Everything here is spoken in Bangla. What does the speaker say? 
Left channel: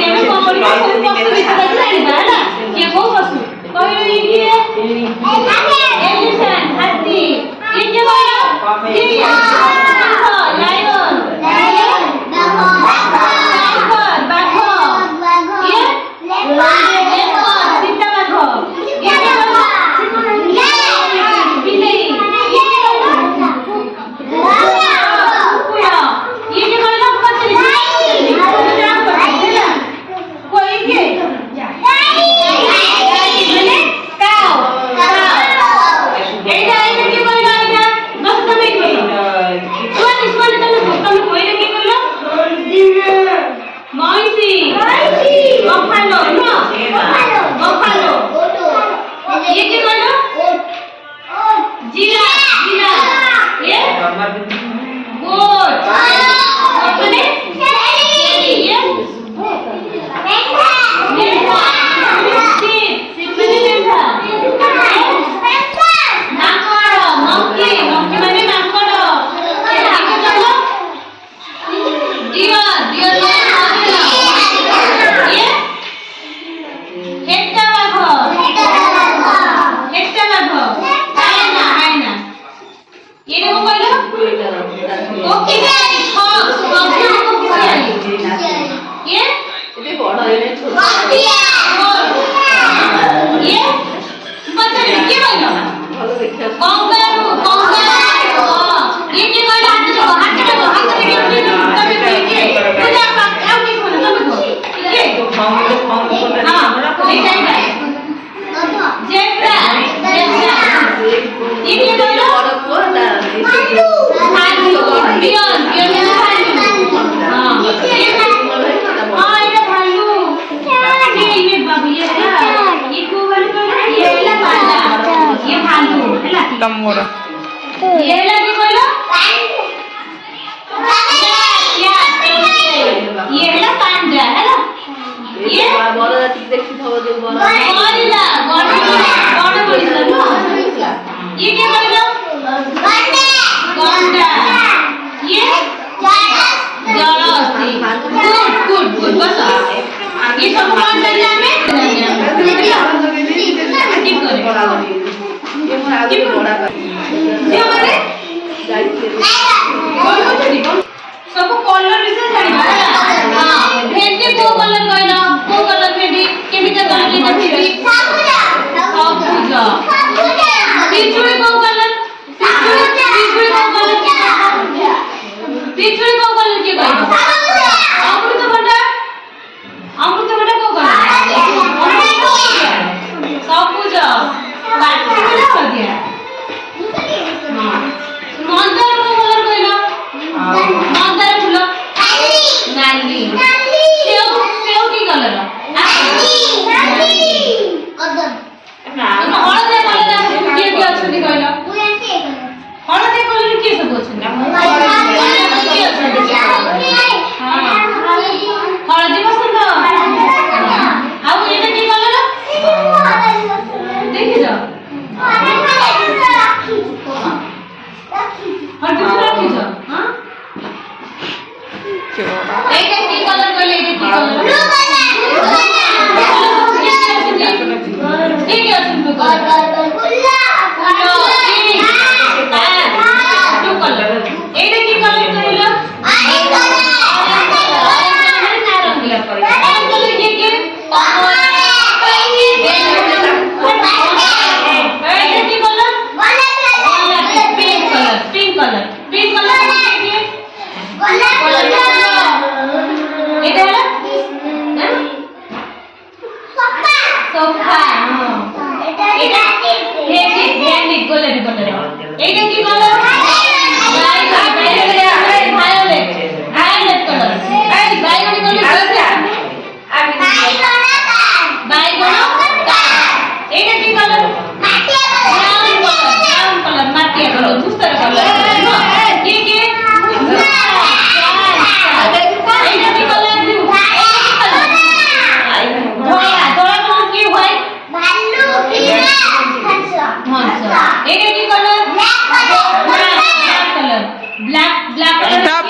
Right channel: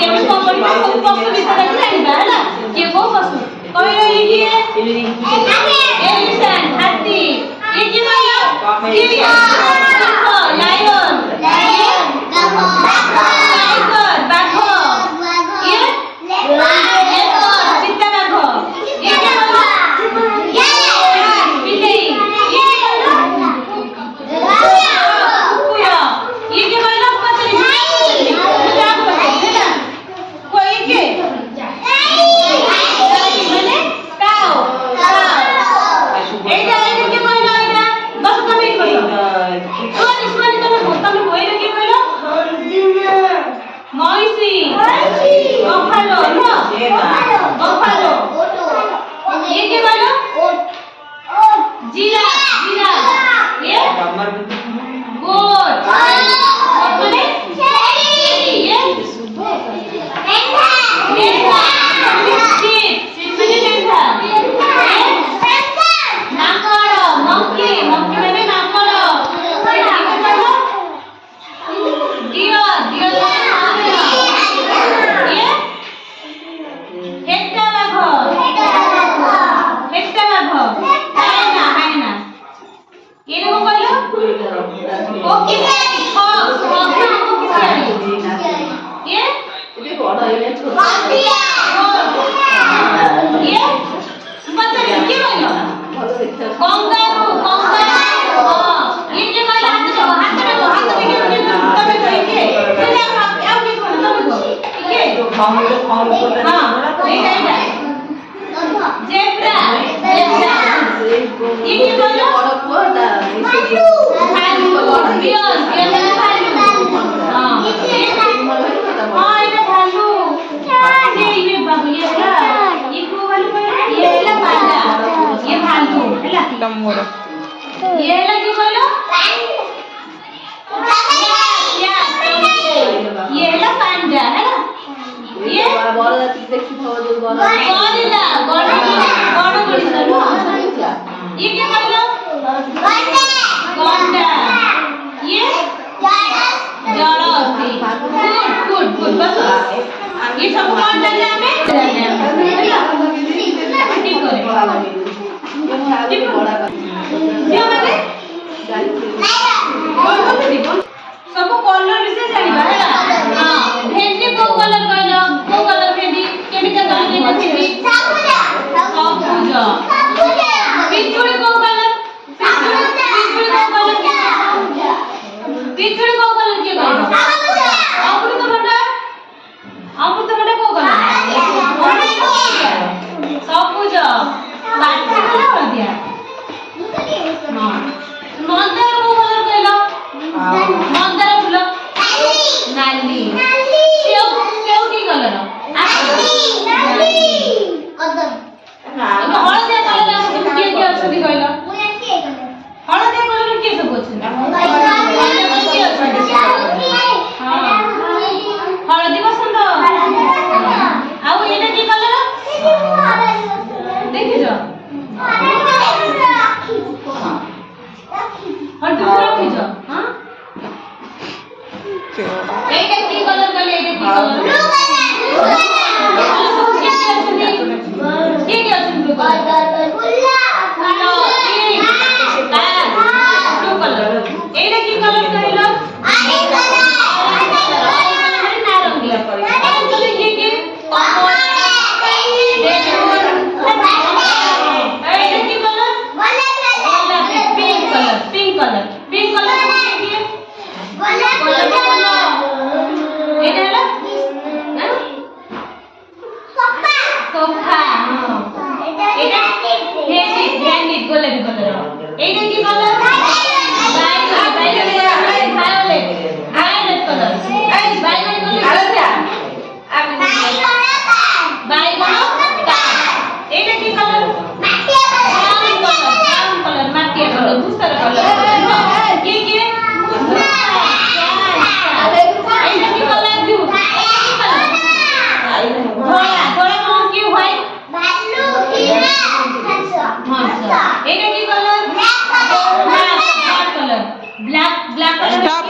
ଏଠି ଆମେ କଣ କରିବା ସବୁ ପଶୁ ବିଷୟରେ ଜାଣିବା ହେଲା କିଏ କୋଉ ପଶୁ କହିଲ ଇଏ କିଏ ଏଲିଫ୍ୟାଣ୍ଟ ହାତୀ ଇଏ କିଏ କହିଲ ଡିୟର ଲାୟନ টাইগার বাঘ ইয়ে লেপার্ড চিতা বাঘ ইয়ে কি বলল বিলেই ইয়ে কি বলল কুকুর ইয়ে কি বলল কতরি নাম করতে না কই কে মানে কাও এইটা কি বলল এটা বস তুমি বলো শুনি তুমি কইলে কি বলল ময়ূরী বফালো না বফালো ये क्या बोलो जीरा जीरा ये गोट अपने ये मेंढा sheep माने मेंढा नाकड़ monkey monkey माने नाकड़ ये क्या बोलो deer deer ये हेक्टा बाघ हेक्टा बाघ हायना हायना ये देखो कहलो ओके हॉर्स ये ये बड़ा है छोटा ये बता रे के कहलो कंगारू कंगारू ये के कहलो हाथ देखो तबे के पूजा पाठ आउ के कोन तबे को ये हां एटा एटा जेब्रा जेब्रा ये के कहलो भालू बियन बियन भालू हां एटा भालू ये बाबू ये को भालू ये ହେଲା पांडा ये भालू ହେଲା तमोरा ये ହେଲା की कहलो ये ହେଲା पांडा ହେଲା ये बड़ देखि थव जो गोरिल्ला बड़ गोरिल्ला नो ये क्या कहलो गंडा ये जलहस्ती गुड गुड बस ये सब कौन जाने हमें टिप करे टिप बड़ा ये माने कोई होती सब कलर विषय जानिबा ହେଲା हां भेंडी को कलर कहलो को कलर भेंडी केमिका कलर लेना भेंडी सबुज पिछुड़ी को कलर पिछुड़ी को कलर पिछुड़ी को कलर के कहलो अमृत बड़ा को कलर सबुज बाकी कलर हो गया हां मंदार को कलर कहलो मंदार फूल नाली सेव सेव की कलर नाली कदम हळदे कलर के के अछली कहलो हळदे कलर के सब अछली के अछली हां हळदी पसंद आउ एटा की कलर देखि जा हळदी को रखि जा हां এইটা কি কালার বলে এইটা কি কালার ব্লু কালার ঠিক আছে ব্লু কালার ব্লু কালার এইটা কি কালার কইলো আই কালার নারঙ্গিয়া করে আর কালার কি কি কমল এইটা কি colour pink colour pink colour pink colour কি গোলাপ কালার এটা হলো হ্যাঁ সোফা এটা ভেন্ডি গোলাপি কালার এইটা কি কালার ভায়োলেট ভায়োলেট কালার বাইগনি কালার কি আছে বাইগনি এইটা কি কালার মাটিয়া কালার মাটিয়া কালার ধূসর কালার কি কি এইটা কি কালার দিউ ধলা ধলা কালার কি হয় ভালু কি হ্যাঁ এইটা কি colour black colour black black colour